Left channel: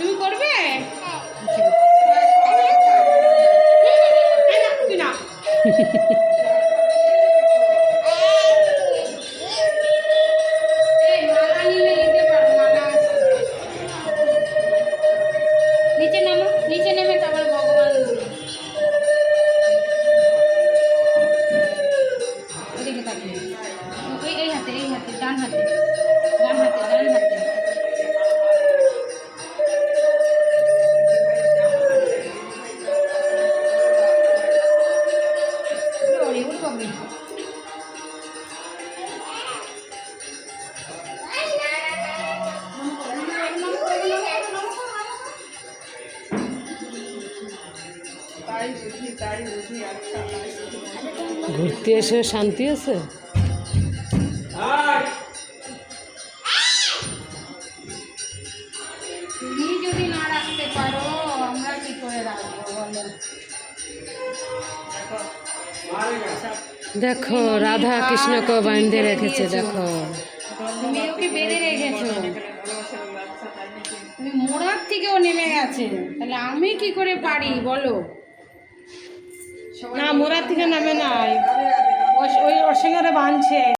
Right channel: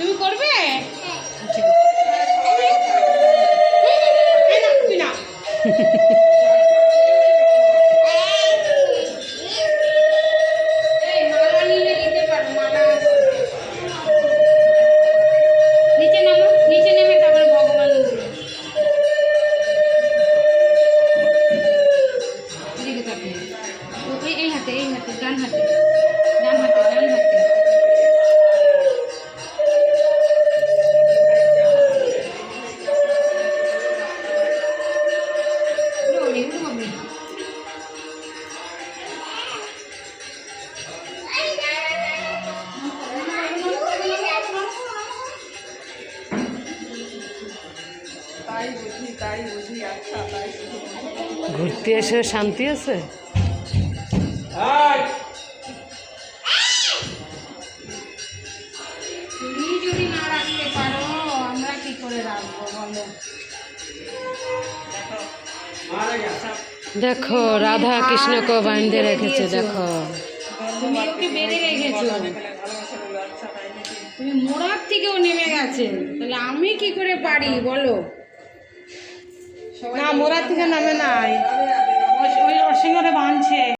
তুমি করবে? ঠিক আছে না নিচে নামো, নিচে নেমে তারপরে ভগবান ওদিকে তাকিয়ে ওই এই হাতে ডান হাতে ডান হাতে ডান হাতে ওরে ওরে বাবু ঘুরতে এসে শান্তি আছে। তুমি যদি না রাখতে পারো আমরা কি করে রাখবো বলো? দেখো রাধা কৃষ্ণকে বাঁধে রেখেছে। দেখো তুমি ওকে বেঁধে রেখেছো, তুমি মোড়ার থেকেও নেমে গেছে, তাহলে আমি কি করে পারি বলো? না মোরার থেকে নামে নাই, ওই ওর সঙ্গে বাঁধছে।